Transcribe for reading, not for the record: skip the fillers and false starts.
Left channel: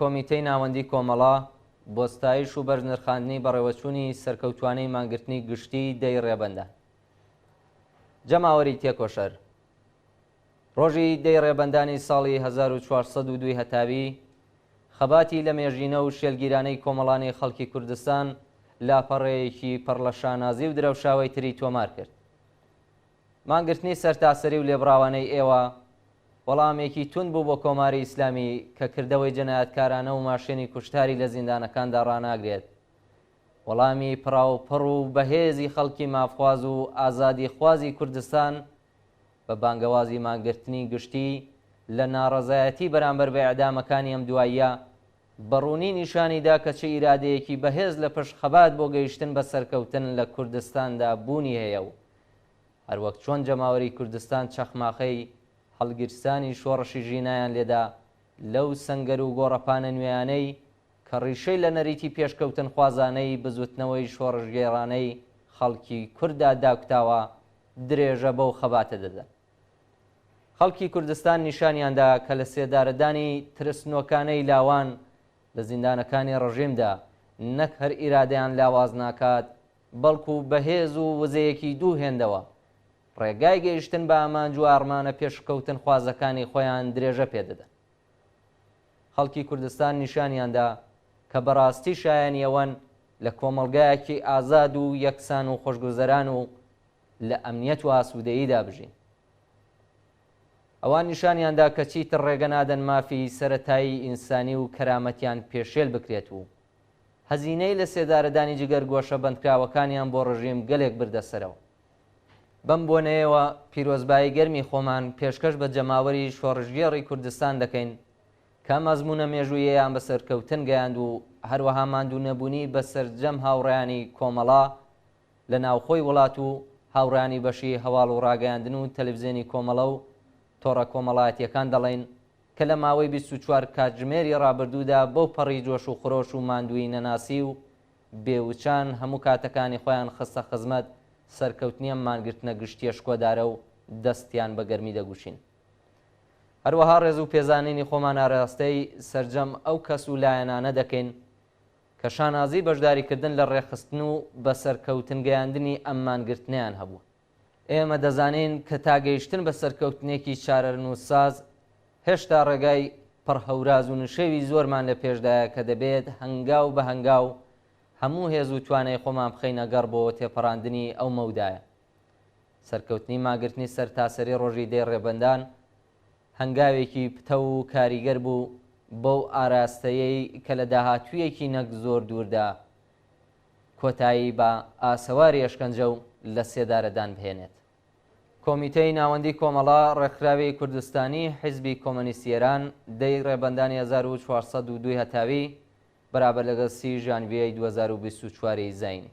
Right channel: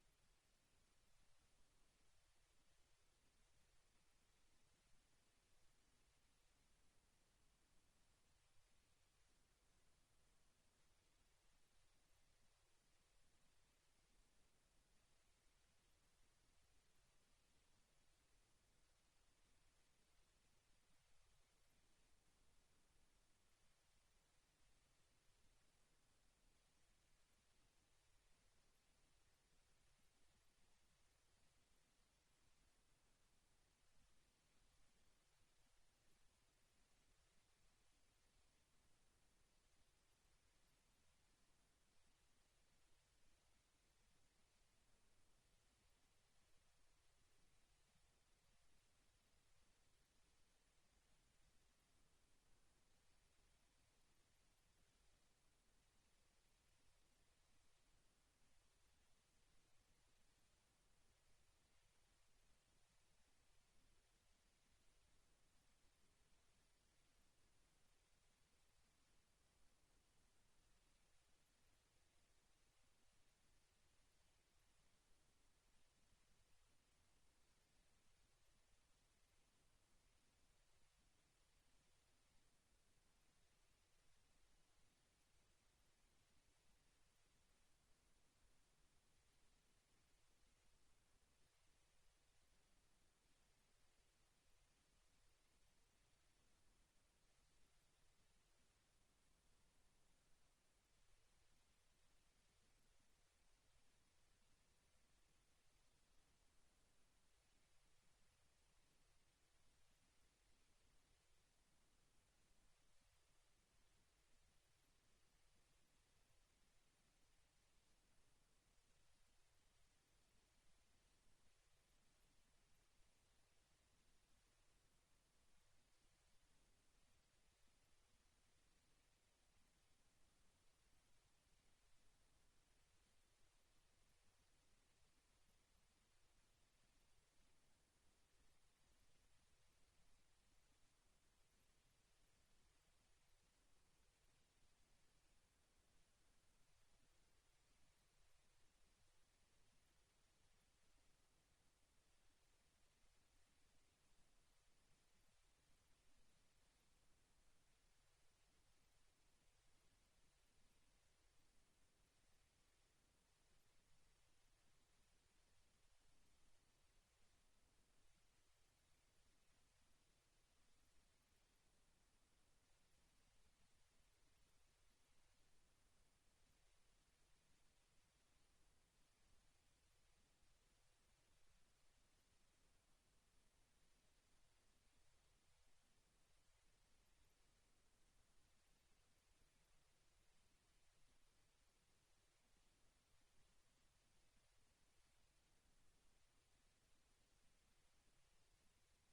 کۆمیتەی ناوەندی کۆمەڵا بۆ ستایش و بەرنرخاندنی بەڕێوەچوونی سەرکەوتوانەی مانگرتنی گشتی دەی ڕێبەندە. جەماوەری تێکۆشەر ڕۆژی دەی ڕێبەندانی ساڵی 1402 هەتاوی خەباتی لە مێژینە و شێلگیرانەی کۆمەڵانی خەڵکی کوردستان لاپەڕەیەکی پڕ لە شانازی و درەوشاوی تری تۆمار کرد. مانگرتنی سەرتاسەری و لێبڕاوانەی ئێوە وەڵامێکی تون بوو بۆ کۆماری ئیسلامی کە کردەوەی جەنایەتکارانە و ماشێنی کوشتاری لە زیندانەکاندا ڕاناگرێت. وەڵامی پڕاوپڕ و بەهێزی خەڵکی مافخواز و ئازادی خوازی کوردستان بە بانگەوازی مانگرتنی گشتی لە ناڕەزایەتی بەرامبەر بە ئەعدامەکانی ئەم دواییە بەڕوونی نیشانیدا کە چه ئیرادەیەکی بەهێز لە پشت خەبات بۆ گەیشتن بە سەرکەوتن لە کوردستاندا بوونی هەیە و هەروەک چۆن جەماوەری کوردستان چەخماخەی هەڵگیرستانی شۆڕشی ژینایان لێدا لەو سەنگەر و گۆڕەپانە نوێیانەی کە ڕیشەی لە نەریتی پێشکەوتن خوازانەی بزوتنەوەی شۆڕژگێڕانەی خەڵکی کووردا داکتاوە درێژە بەو خەباتە دەدەن. خەڵکی کوردستان نیشانیاندا کە لە سێدارەدانی ترسنۆکانەی لاوان لە زیندانەکانی ڕژیمدا نەک هەر ئیرادەیان لاواز ناکات بەڵکو بەهێز و وزەیەکی دوو هێندەوە ڕێگای گەیشتن بە ئامانج و ئارمانە پێشکەوتن خوازەکانی خۆیان درێژە پێدەدەن. خەڵکی کوردستان نیشانیاندا کە بەڕاستی شایەنیەوەن لە کۆمەڵگایەکی ئازاد و یەکسان و خۆشگوزەران و لە ئەمنیەت و ئاسوودەییدا بژین. ئەوان نیشانیاندا کە چیتر ڕێگە نادەن مافی سەرەتایی ئینسانی و کەرامەتیان پێشێل بکرێت و هەزینەی لە سێدارەدانی جگەر گۆشە بەندکراوەکانیان بۆ ڕژیم گەلێک بردەسەرەوە. بەم بۆنەیەوە پیرۆزبایی گەرمی خۆمان پێشکەش بە جەماوەری شۆڕژگێڕی کوردستان دەکەین کە مەزمونە مێژوویەیان بە سەرکەوتن گەیاند و هەروەها ماندوو نەبوونی بە سەرجەم هاوڕێیانی کۆمەڵا لە ناوخۆی وڵات و هاوڕانی بەشی هەواڵ و ڕاگەیاندن و تەلەڤیزیۆنی کۆمەڵە و تۆڕە کۆمەڵایەتیەکان دەڵێن کە لە ماوەی 24 کاتژمێری ڕابردوودا بەو پەڕی جۆش و خۆش و ماندووی نەناسی و بێوچان هەموو کاتەکانی خۆیان خستە خزمەت سەرکەوتنیە مانگرتنە گشتیە شکۆدارە و دەستیان بە گەرمی دەگوشین. هەروەها ڕێز و پێزانینی خۆمان ئاراستەی سەرجەم ئەو کەس و لایەنانە دەکەین کە شانازی بەشداریکردن لە ڕێخستن و بە سەرکەوتن گەیاندنی ئەم مانگرتنیان هەبوو. ئێمە دەزانین کە تاگەیشتن بە سەرکەوتنێکی چارەنووسساز هێشتا ڕێگای پڕهەوراز و نشێوی زۆرمان لە پێشدایە کە دەبێت هەنگاو بە هەنگاو هەموو هێز و توانای خۆمان بخەینە گەڕ بۆ تێپەڕاندنی ئەو مەودایە. سەرکەوتنی ماگرتنی سەرتاسەری ڕۆژی دەی ڕێبەندان هەنگاوێکی پتە و کاریگەر بوو بەو ئاراستەیەی کە لە داهاتوویەکی نەک زۆر دووردا کۆتایی بە ئاسەواری ئەشکەنجە و لە سێدارەدان بهێنێت. کۆمیتەی ناوەندی کۆمەڵا ڕێکخراوی کوردستانی حیزبی کۆمۆنیستی ئێران دەی ڕێبەندانی 1402 هەتاوی بەرابەر لەگەڵ 30 ژانڤیەی 2024 زاینی